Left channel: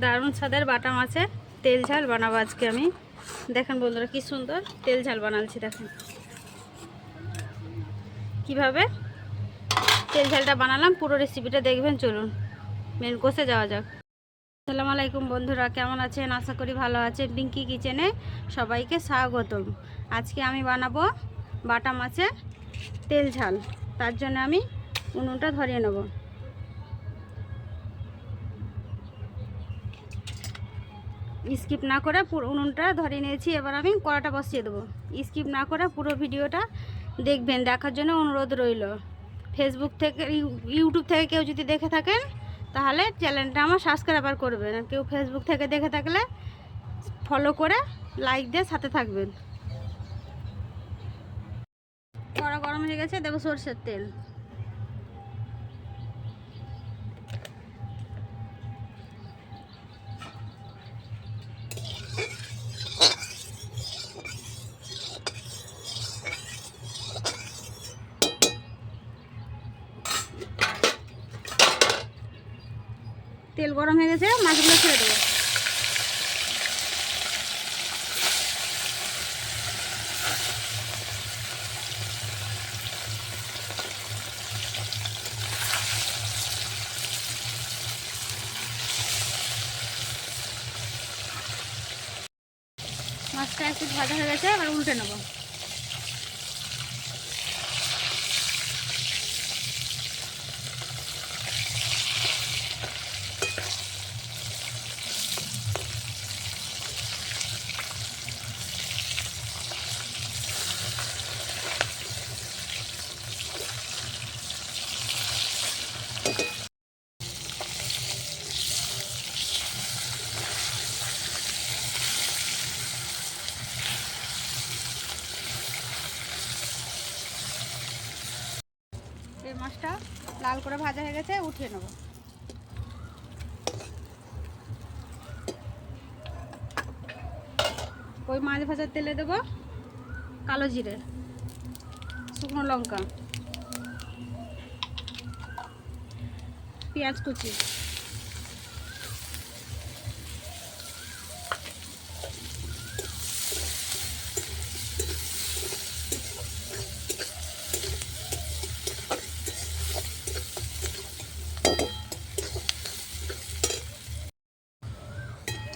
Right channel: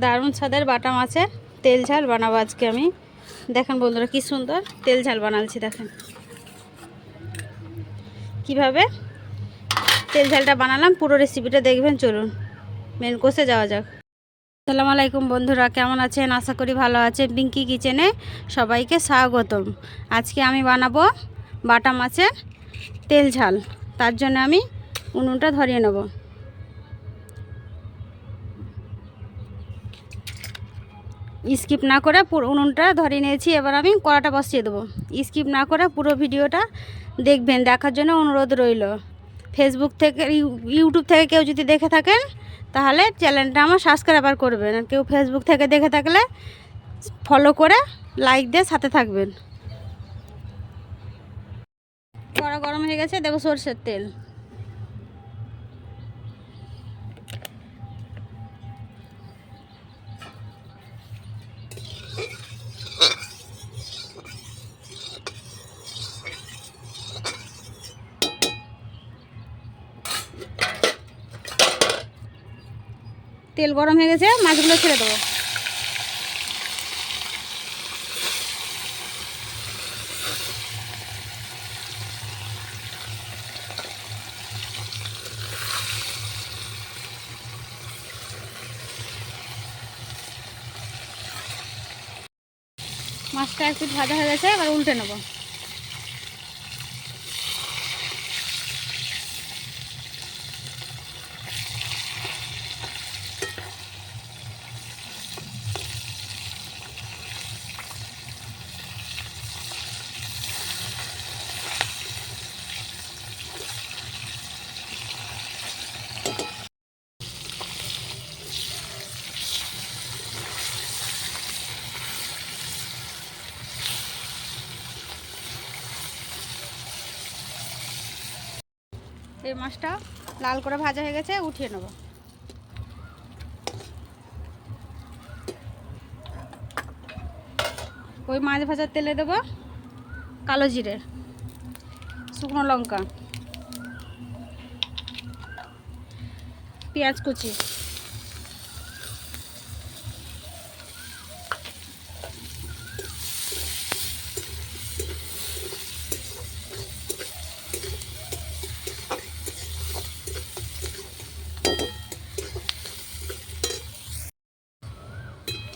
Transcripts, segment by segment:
দারুণ স্বাদের বাটা মাছের তেল ঝাল বানাবো আজকে আমি। দেখেন বন্ধুরা কি সুন্দর তেল ঝাল বানাচ্ছি, দেখেন। কীভাবে তেল ঝালটা বানালাম, পুরো রেসিপিটা দেখবেন, চলুন। মেন কোর্সে যাওয়া যাক। আসসালামু আলাইকুম বন্ধুরা, কেমন আছেন? আশা করি ভালো আছেন। পিঙ্কি কিচেনে সবাইকে স্বাগতম। আজকে আমি বানাবো বাটা মাছের তেল ঝাল। তার জন্য আমি উনুনটা ধরিয়ে নেব। স্কিপ না করে পুরো উনুনটা ধরিয়ে নিয়েছি। এবার আমি কড়াটা বসিয়ে দেবো। স্কিপ না করে পুরো ভিডিওটা দেখবেন, দেখার জন্য অনুরোধ রইল। ফেসবুক থেকে ইউ- ইউটিউব থেকে কেউ যদি দেখে থাকেন, তাহলে চ্যানেলটা আমার সাবস্ক্রাইব আর করবেন। আর কেউ ফেসবুক থেকে দেখে থাকলে ফলো করে লাইক দিয়ে সাথে থাকবেন। কড়া গরম হয়ে গেছে, দেবো সরষের তেল। তেল গরম হয়ে গেছে, মাছগুলো ছেড়ে দেবো। মাছটা একটু ভাজা হয়ে গেছে, এবার উল্টে নেব। এই মাছটা লাল করে ভাজা হয়ে গেছে, উঠিয়ে নেব। ওই মাছ ভাজার তেলে দেবো কালো জিরের, শুকনো লঙ্কা, পেঁয়াজ কুচি।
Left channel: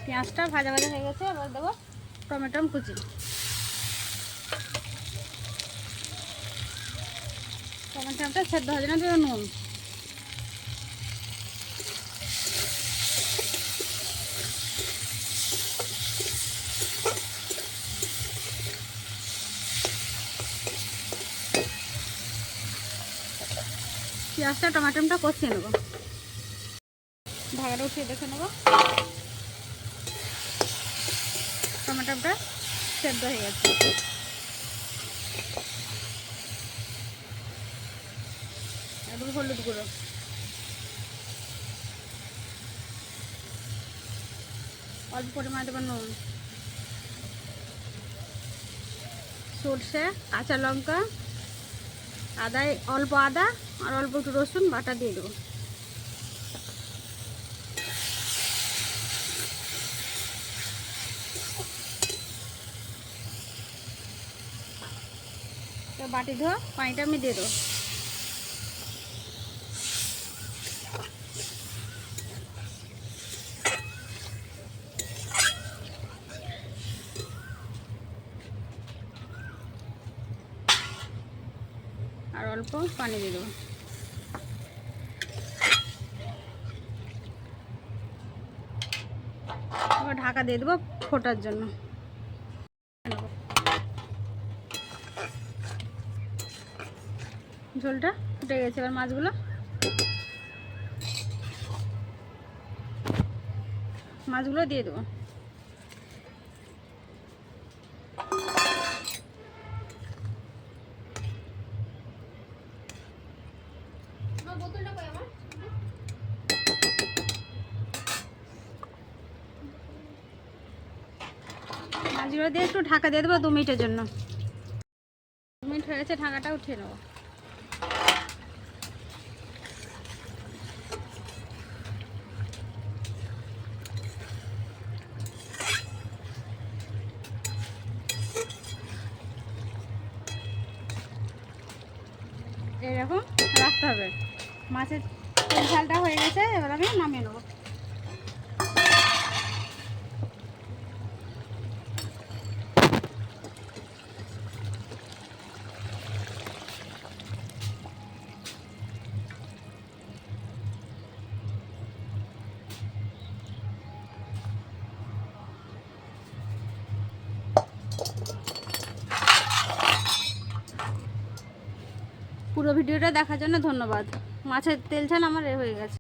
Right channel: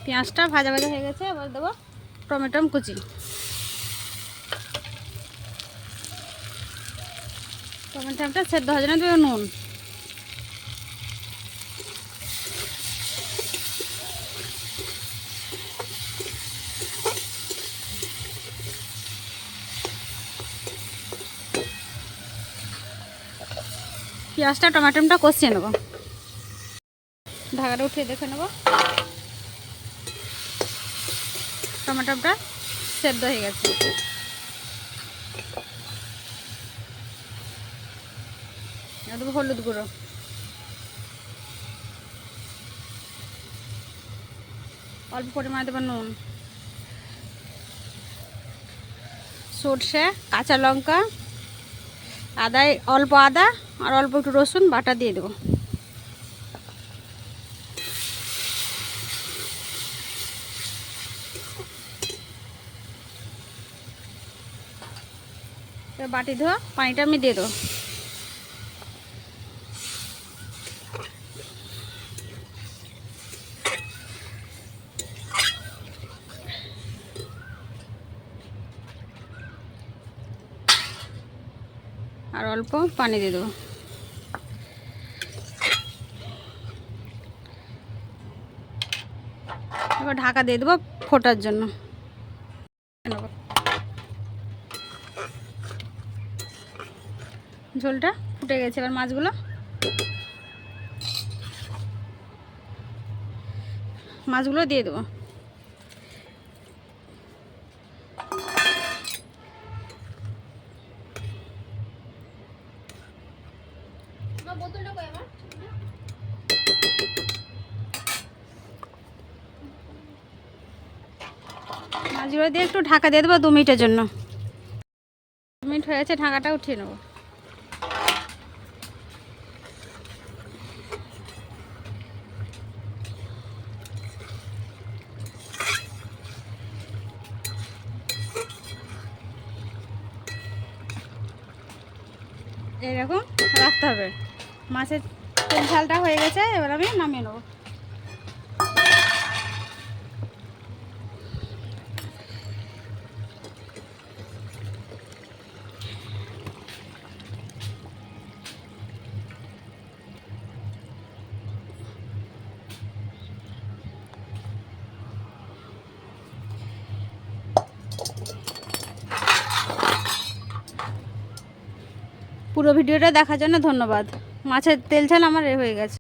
পেঁয়াজটা ভাজা ভাজা হয়ে গেছে, এবার দেবো টমেটো কুচি। টমেটোটা সেদ্ধ হয়ে যাবে দেবো নুন। পেঁয়াজটা টমেটোটা কষিয়ে নেব। ঢাকাটা উঠিয়ে দেখে নেব। টমেটোটা সেদ্ধ হয়ে গেছে। হলুদ গুঁড়ো। অল্প পরিমাণে দেবো নুন। সর্ষে, কাঁচা লঙ্কা, আদায়, অল্প আদা আর অল্প একটু রসুন বাটা দিয়ে দেবো। বাটি ধোয়া, পানিটা আমি দিয়ে দেবো। আর অল্প পানি দিয়ে দেবো। এবার ঢাকা দিয়ে দেবো ফোটার জন্য। ঝোলটা ফুটে গেছে। এবার মাছগুলো মাছগুলো দিয়ে দেবো। মাছগুলো দিয়ে একটু ঢাকা দিয়ে দেবো দু মিনিটের জন্য। দু মিনিট হয়ে গেছে, ঢাকাটা উঠিয়ে নেব। এইরকম রাখতে হবে। মাছের তেল ঝালটা হয়ে গেছে এবার আমি নামিয়ে নেব। পুরো ভিডিওটা দেখার জন্য ধন্যবাদ। মাছের তেল ঝাল আমার এ হয়ে গেছে।